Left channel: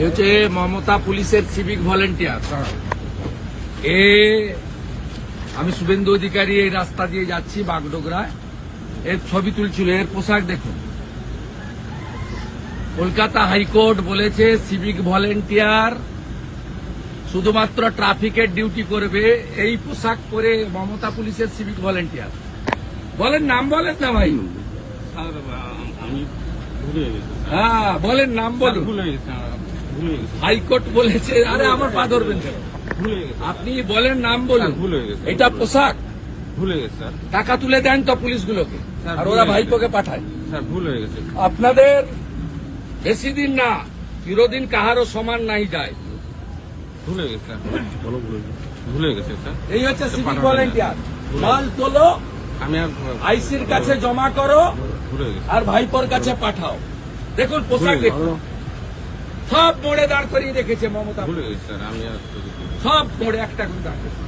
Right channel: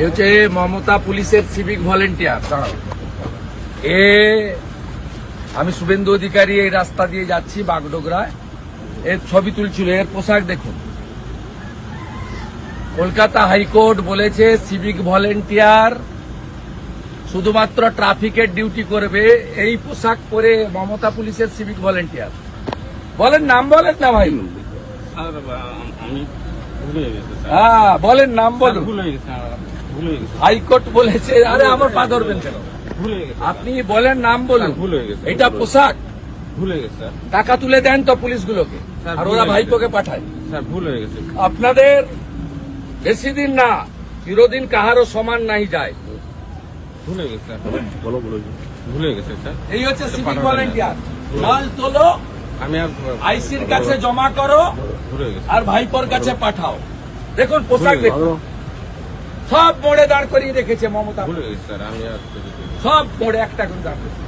এ হচ্ছে মমতা পুলিশের civic volunteer. আমি শুভেন্দু অধিকারী এই রাস্তা দিয়ে যাচ্ছি বাগডোগরায়, এর ছবি তুলছিল। এর পোশাক দেখুন। কলকাতা হাইকোর্ট বলেছে সিভিক ভলেন্টিয়ার শুধুমাত্র ট্রাফিকের ডিউটি করবে। এই পোশাক পরে মমতা পুলিশের সিভিক ভলেন্টিয়ার। বলেন নাম, বলেন না ভাই। হ্যাঁ বলেন নাম বলুন। হাইকোর্ট বলেছে। আরে আমার পা ধরবেন কেন? আপনি বলেন নাম বলুন। এটা পোশাক ভুলে গেছে স্যার। টাকা তুলে দেন তো পুলিশগুলোকে, আর ওরা ভাইপোকে পাঠায়। স্যার ভুল হয়ে গেছে। আপনাদের বেশি দিন না, চিরদিন কাহারও সমান নাই যায়। ভুলে গেছে স্যার। ভুলে গেছে স্যার। এই হচ্ছে সিভিক ভলেন্টিয়ার। মাল তোলো, আমি আর আইসির কাছে জমা করো, ভুলে গেছি। আর ভাইপোর কাছে পাঠাও। দেখুন পোশাক দেখুন, সব মোড়ে দাঁড় করিয়ে রেখেছে মমতা। ভুলে গেছি স্যার। আমি আর সব মোড়ে একটা করে দাঁড় করিয়ে।